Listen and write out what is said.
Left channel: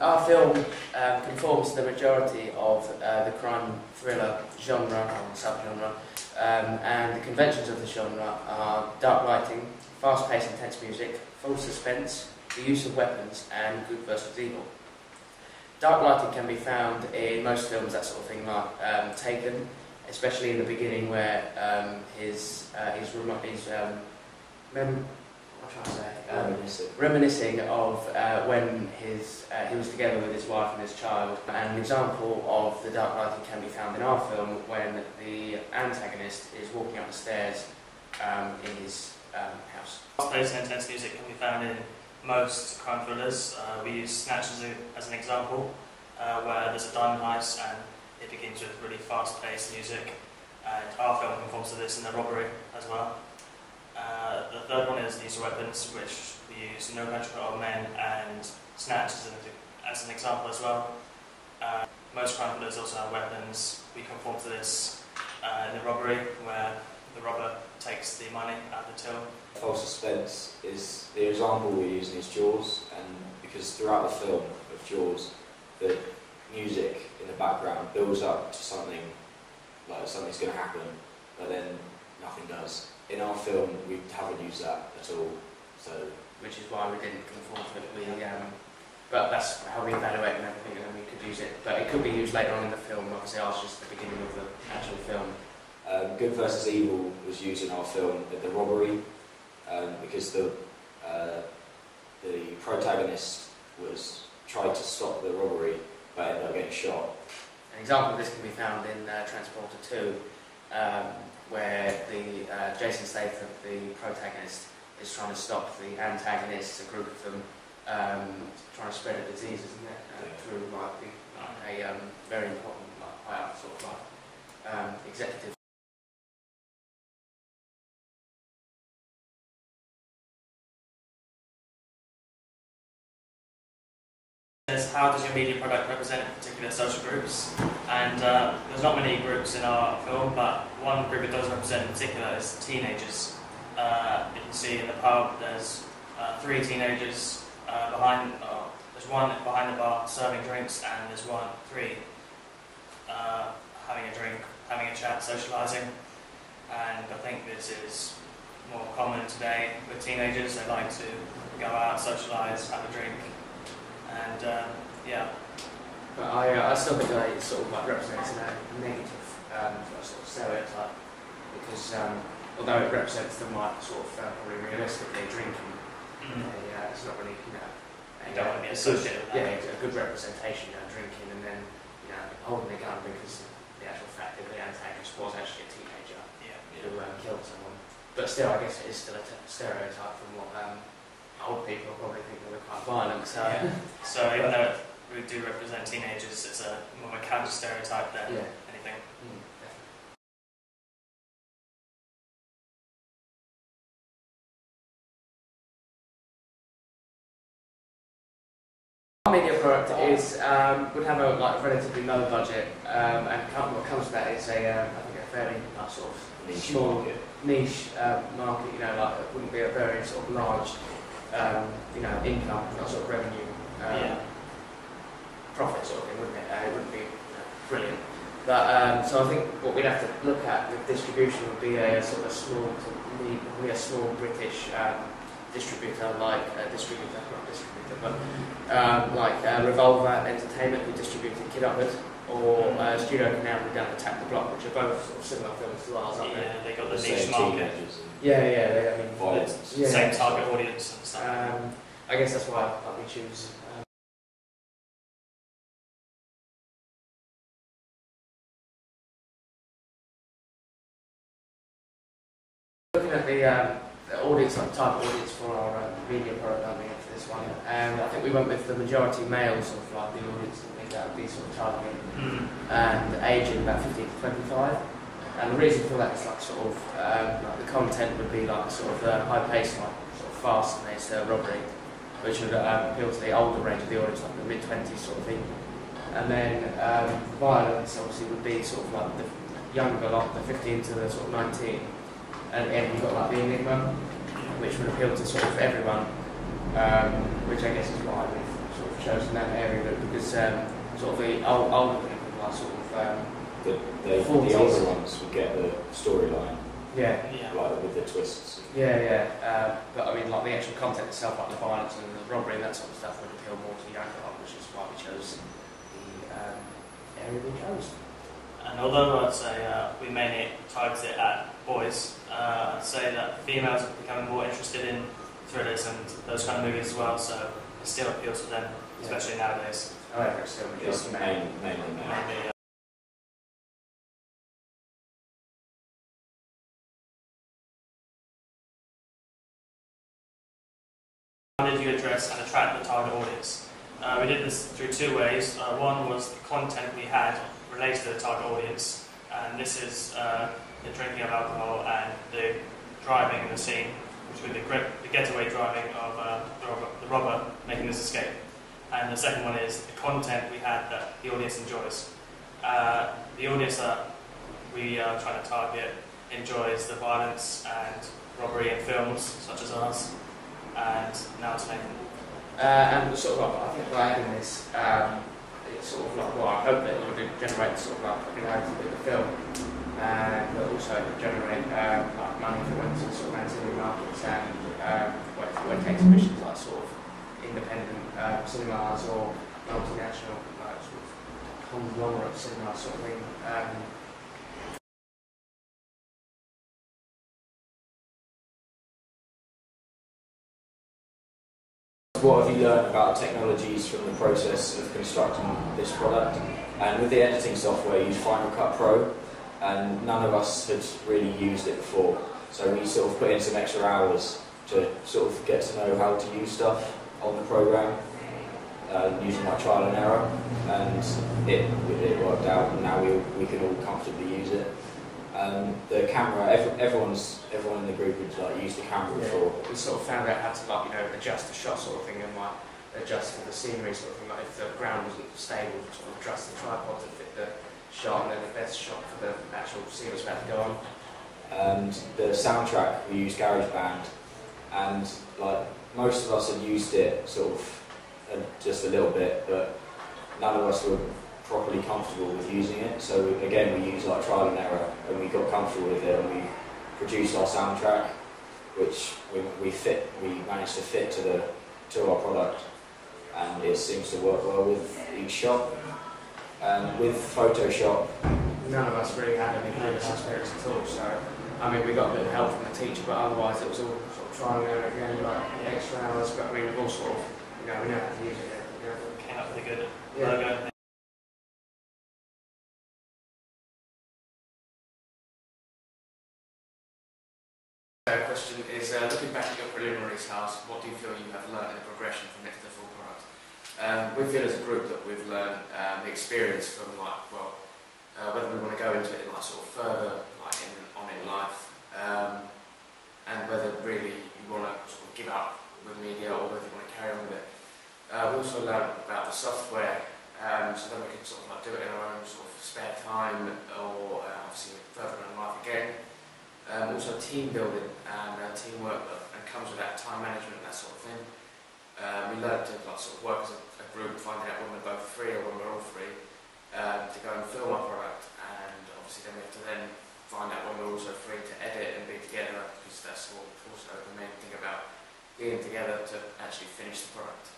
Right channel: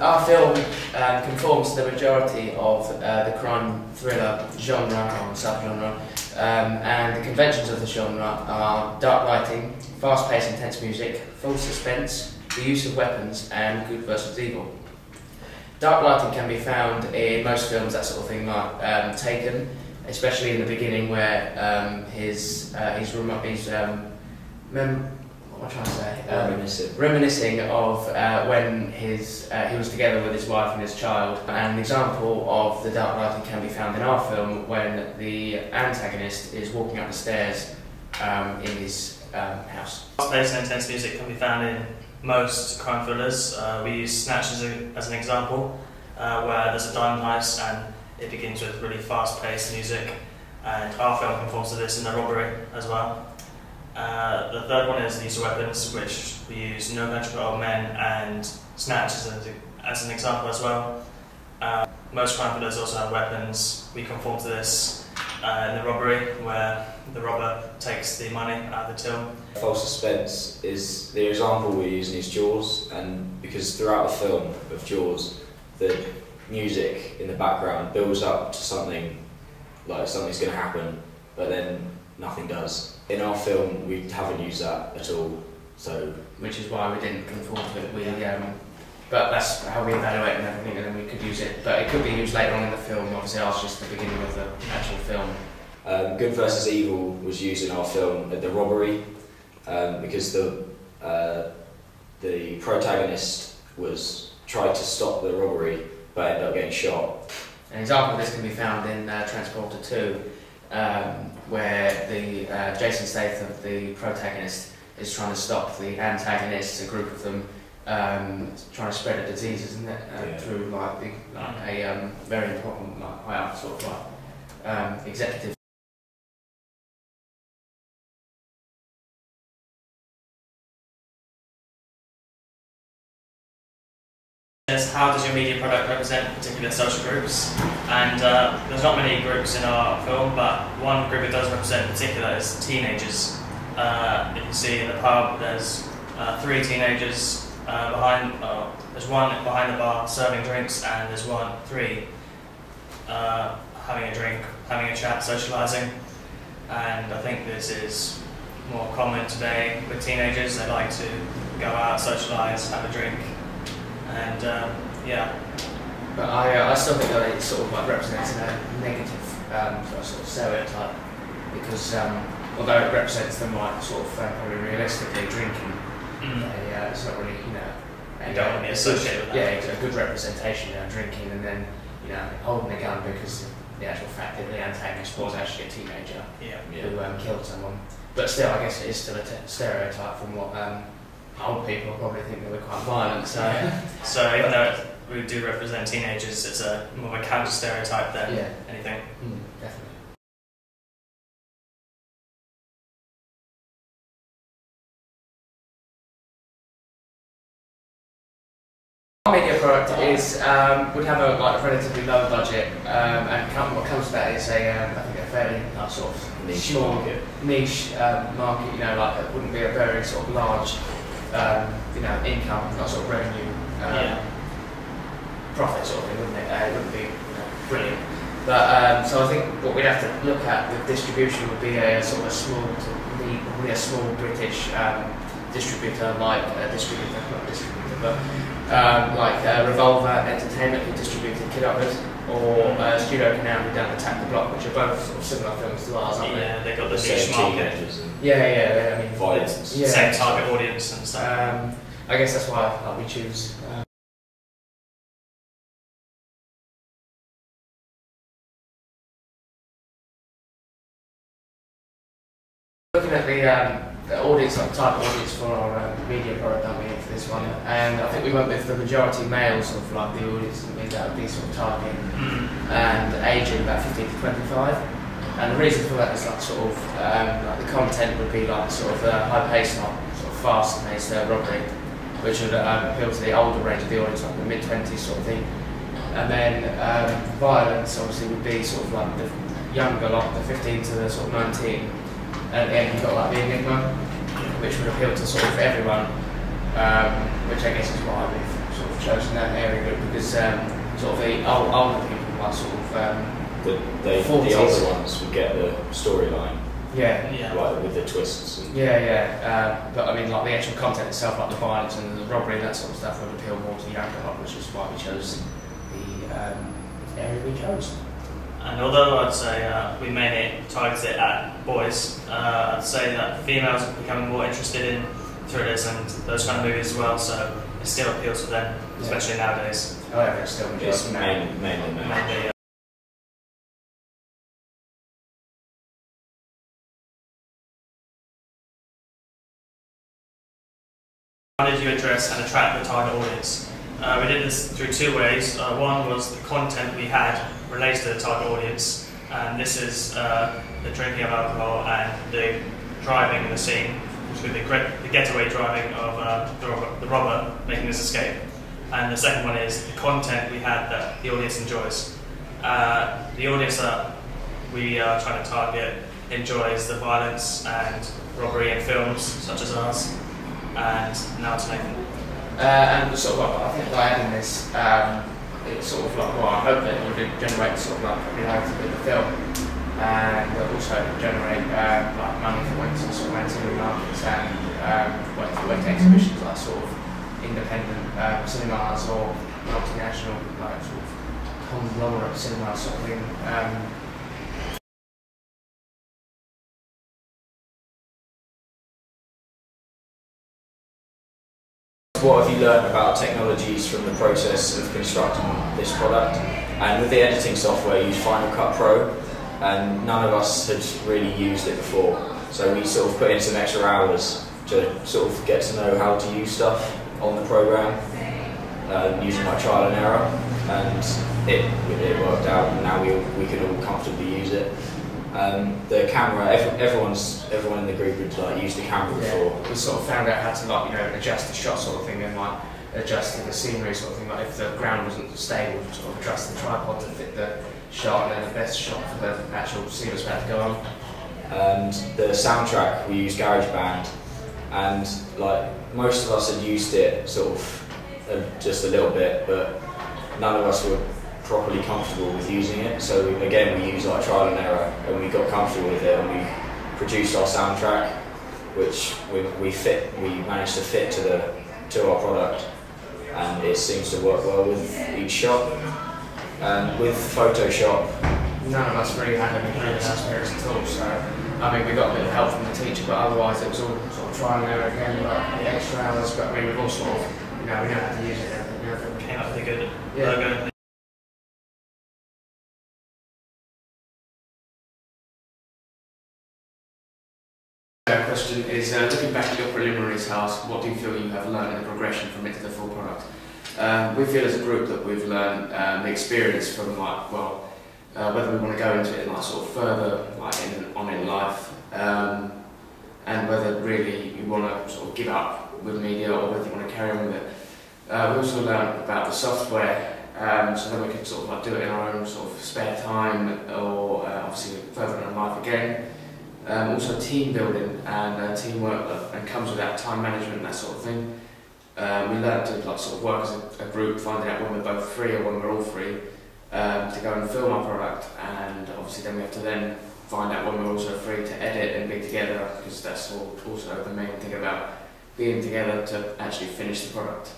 Our film conforms to the majority of the crime thriller genre or subgenre, and the conventions of the genre are dark lighting, fast-paced intense music, full suspense, the use of weapons, and good versus evil. Dark lighting can be found in most films, that sort of thing, like Taken, especially in the beginning where reminiscing of when he was together with his wife and his child. And an example of the dark lighting can be found in our film when the antagonist is walking up the stairs in his house. Fast-paced and intense music can be found in most crime thrillers. We use Snatch as an example, where there's a diamond heist and it begins with really fast-paced music, and our film conforms to this in The Robbery as well. The third one is the use of weapons, which we use No Country for Old Men and Snatch as an example as well. Most crime thrillers also have weapons. We conform to this in The Robbery, where the robber takes the money out of the till. False suspense is the example we're using is Jaws, and because throughout the film of Jaws, the music in the background builds up to something like something's going to happen, but then nothing does. In our film, we haven't used that at all, so which is why we didn't conform to it. But that's how we evaluate and everything, and then we could use it. But it could be used later on in the film. Obviously, ours just the beginning of the actual film. Good versus evil was used in our film at The Robbery, because the protagonist tried to stop the robbery, but ended up getting shot. An example of this can be found in Transporter 2, where Jason Statham, the protagonist, is trying to stop the antagonists, a group of them, trying to spread a disease, isn't it? Through a very important, sort of executive. How does your media product represent particular social groups? And there's not many groups in our film, but one group it does represent in particular is teenagers. You can see in the pub there's 3 teenagers there's one behind the bar serving drinks, and there's 3 having a drink, having a chat, socialising. And I think this is more common today with teenagers. They like to go out, socialise, have a drink. And yeah. But I still think that it sort of represents a negative sort of stereotype, because although it represents them probably realistically drinking, it's not really you don't want to be associated with that. Yeah, it's a good representation of drinking and then holding a gun, because the actual fact that the antagonist was actually a teenager who killed someone. But still, I guess it is still a stereotype from what. Old people probably think they were quite violent, so... Yeah. So even though we do represent teenagers, it's more of a counter-stereotype than anything. Definitely. Our media product would have a relatively low budget, and what comes to that is I think a fairly sort of niche market. It wouldn't be a very sort of large income, not sort of revenue, profit sort of thing, wouldn't it? It wouldn't be brilliant. But so I think what we'd have to look at with distribution would be a sort of a small British distributor, like Revolver Entertainment, who distributed Kid Upward, or Studio Canal, who done Attack the Block, which are both sort of similar films to ours, aren't they? Yeah, they've got the niche market. I mean, violence. Same target audience and stuff. I guess that's why we choose. Looking at the audience, type of audience for our media product that we need for this one, and I think we went with the majority males of the audience that would be sort of targeting, and aging about 15 to 25. And the reason for that is the content would be high-paced, sort of fast-paced robbery, which would appeal to the older range of the audience, like the mid-20s sort of thing. And then violence obviously would be sort of like the younger lot, the 15 to the sort of 19. And then you've got the Enigma, which would appeal to sort of everyone, which I guess is why we've sort of chosen that area group because sort of the older people are sort of the older ones would get the storyline. Yeah. Like with the twists. And but I mean, like the actual content itself, like the violence and the robbery and that sort of stuff, would appeal more to the younger lot, which is why we chose the area we chose. And although I'd say we mainly target it at boys, I'd say that females are becoming more interested in thrillers and those kind of movies as well, so it still appeals to them, especially nowadays. Oh yeah, it's still mainly men. Mainly, How did you address and attract the target audience? We did this through two ways. One was the content we had related to the target audience, and this is the drinking of alcohol and the driving in the scene, which would be the getaway driving of the robber making his escape. And the second one is the content we had that the audience enjoys. The audience that we are trying to target enjoys the violence and robbery in films such as ours. And now it's Nathan. And sort of, I think by adding this, it's sort of like, well, I hope that it would generate sort of like popularity with the film, and also generate like money for went to sort of ancillary markets and went to exhibitions like sort of independent cinemas or multinational like sort of conglomerate cinema sort of thing. What have you learned about technologies from the process of constructing this product? And with the editing software, you use Final Cut Pro, and none of us had really used it before. So we sort of put in some extra hours to sort of get to know how to use stuff on the program, using my trial and error, and it worked out. And now we can all comfortably use it. The camera, everyone in the group had like used the camera before. We sort of found out how to like adjust the shot sort of thing and like adjust the scenery sort of thing. Like if the ground wasn't stable, sort of adjust the tripod to fit the shot and then the best shot for the actual scene was about to go on. And the soundtrack we used GarageBand, and like most of us had used it sort of just a little bit, but none of us were properly comfortable with using it. So again, we used like trial and error, and we got comfortable with it, and we produced our soundtrack, which we managed to fit to our product, and it seems to work well with each shot. And with Photoshop, none of us really had any previous experience at all. So I mean, we got a bit of help from the teacher, but otherwise it was all sort of trial and error again, like extra hours. But I mean, we've all sort of we know how to use it. Came up with a good Yeah. logo. The question is, looking back at your preliminary task, what do you feel you have learned in the progression from it to the full product? We feel as a group that we've learned the experience from like, well, whether we want to go into it like sort of further like in life, and whether really you want to sort of give up with media or whether you want to carry on with it. We also learned about the software, so then we can sort of like do it in our own sort of spare time, or obviously further in our life again. Also team building and teamwork, and comes with that time management and that sort of thing. We learned to like sort of work as a group, finding out when we're both free or when we're all free to go and film our product, and obviously then we have to then find out when we're also free to edit and be together, because that's also the main thing about being together to actually finish the product.